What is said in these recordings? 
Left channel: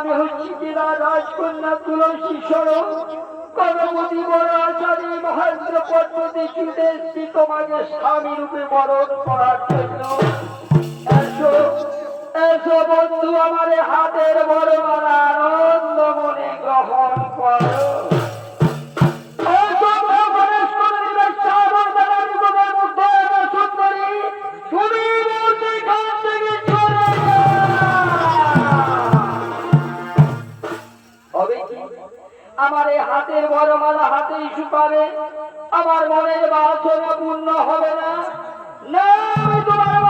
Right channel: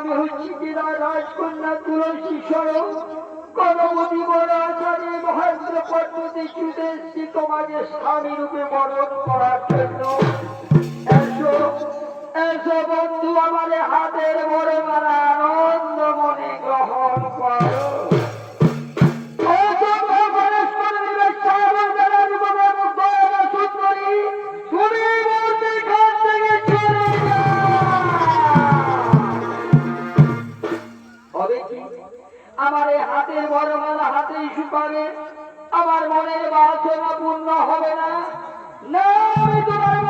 আমি হচ্ছি রাজকন্যা তুলসী স্বরূপ মহেন্দ্র স্বামী রূপে বরণ করার জন্য। বন্ধু হাতের বড় মারা আনন্দ মনে গ্রহণ করো। হাতের বড় মালা হাতেই শুকাবে আমার মনের বাসনা পূর্ণ হবে না। না আমি তোমার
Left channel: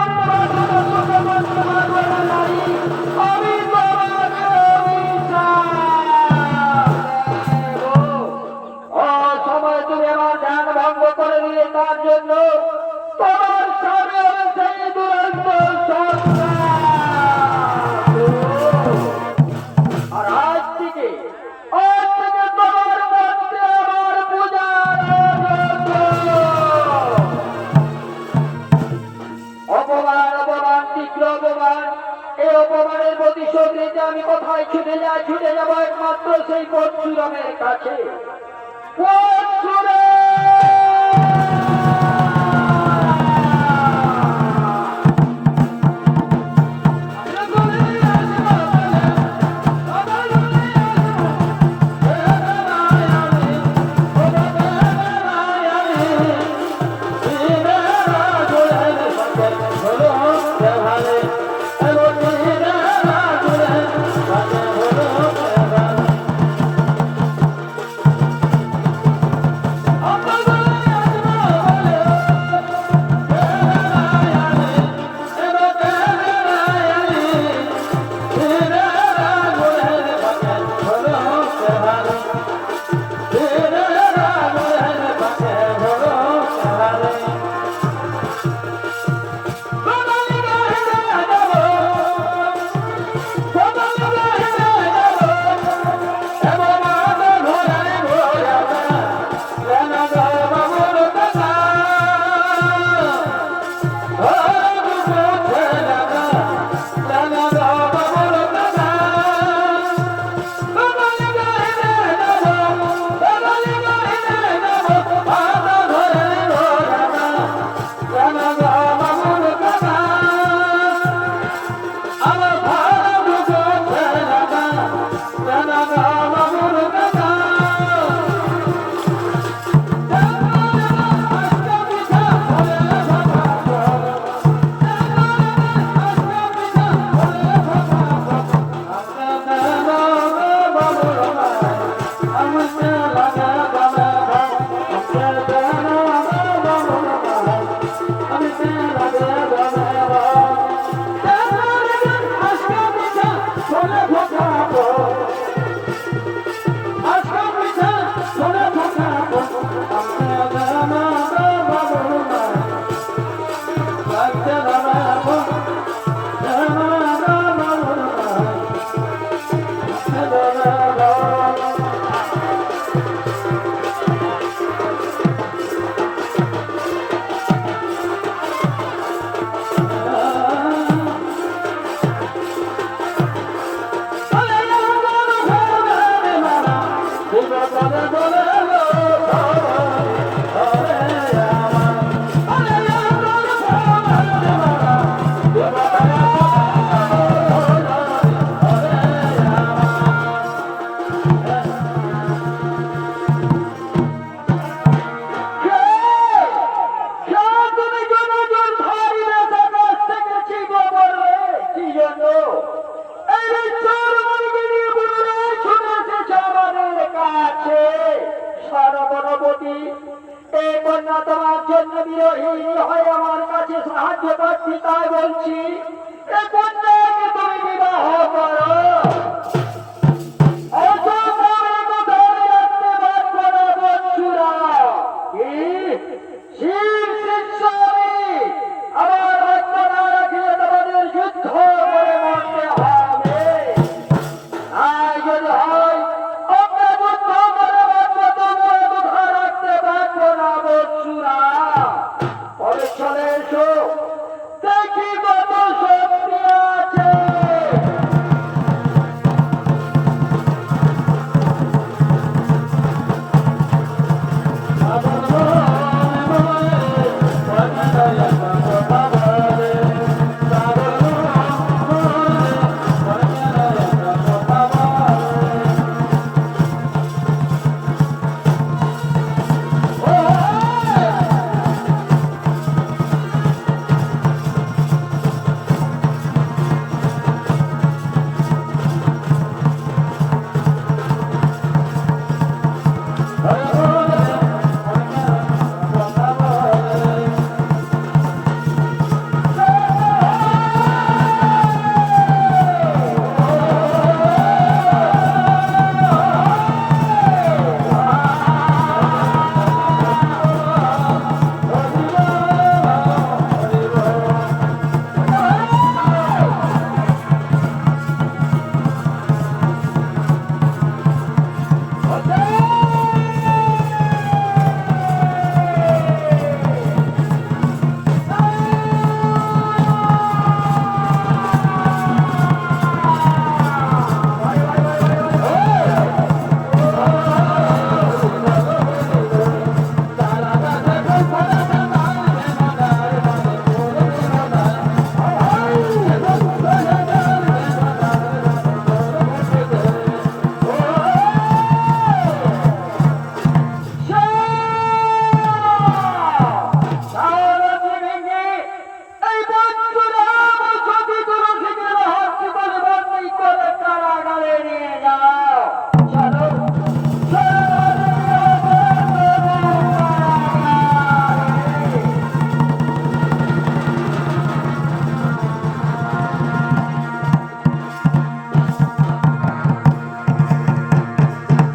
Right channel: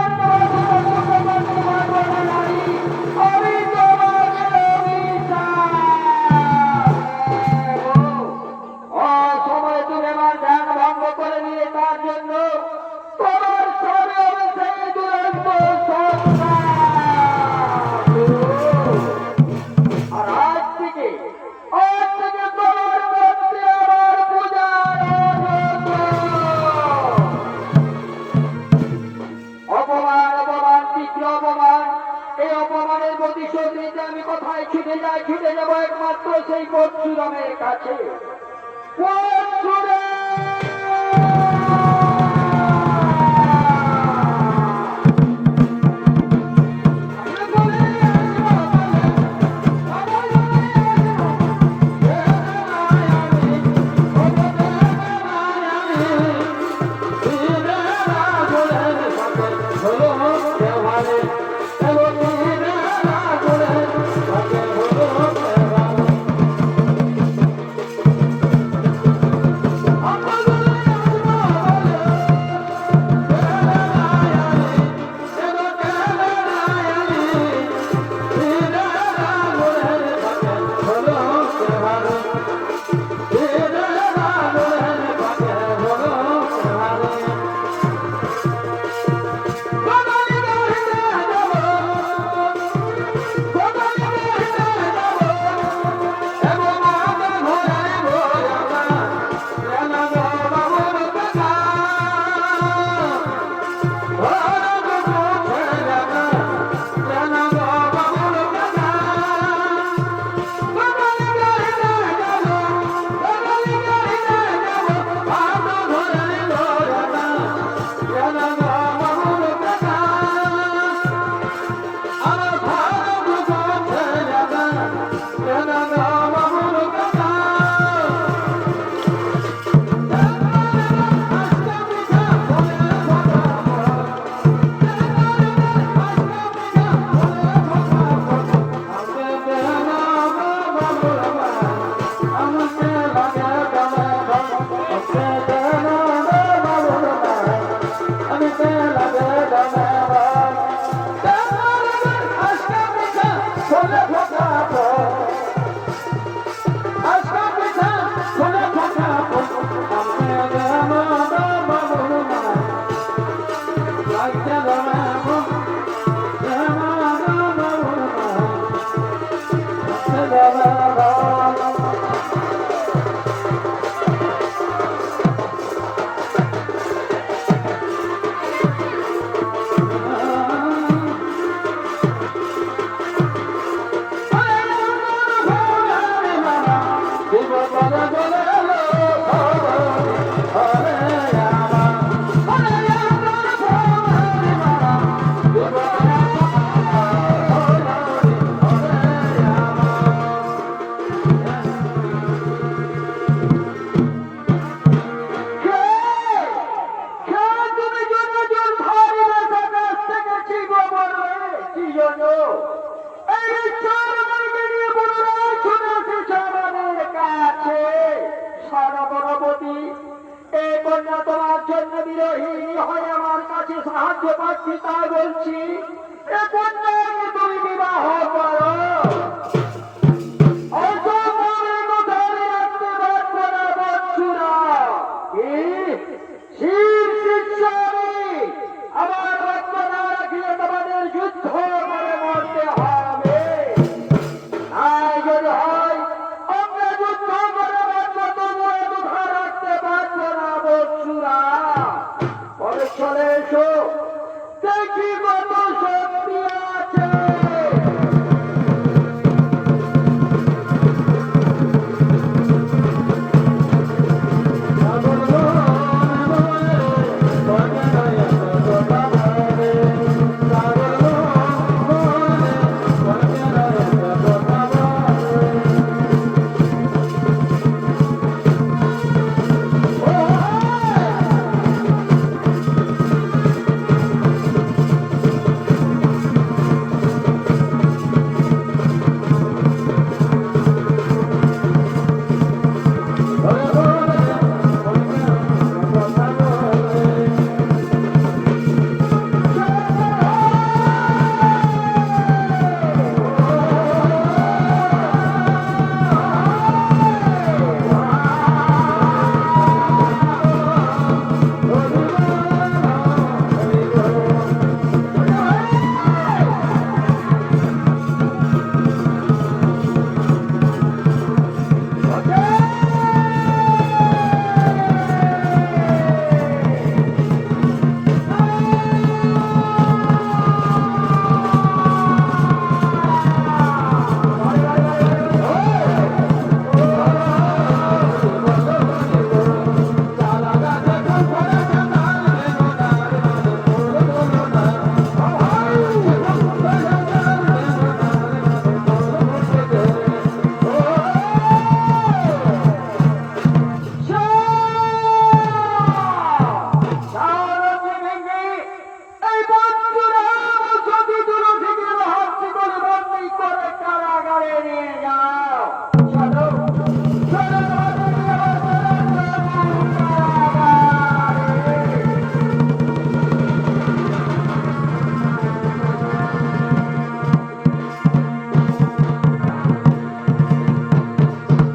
অপমানের প্রতিশোধ নিতে আমি কোথায় ছুটে যাই ছুটে যাব একমাত্র সেই পরশুরামের কাছে! amor. Bye. পার্টি এই কন্যা তোমার জন্য বিরোহী হয়ে আমার কাছে সাহায্য পাচ্ছি তাই বলছি, এ কন্যাকে তুমি বিবাহ করো।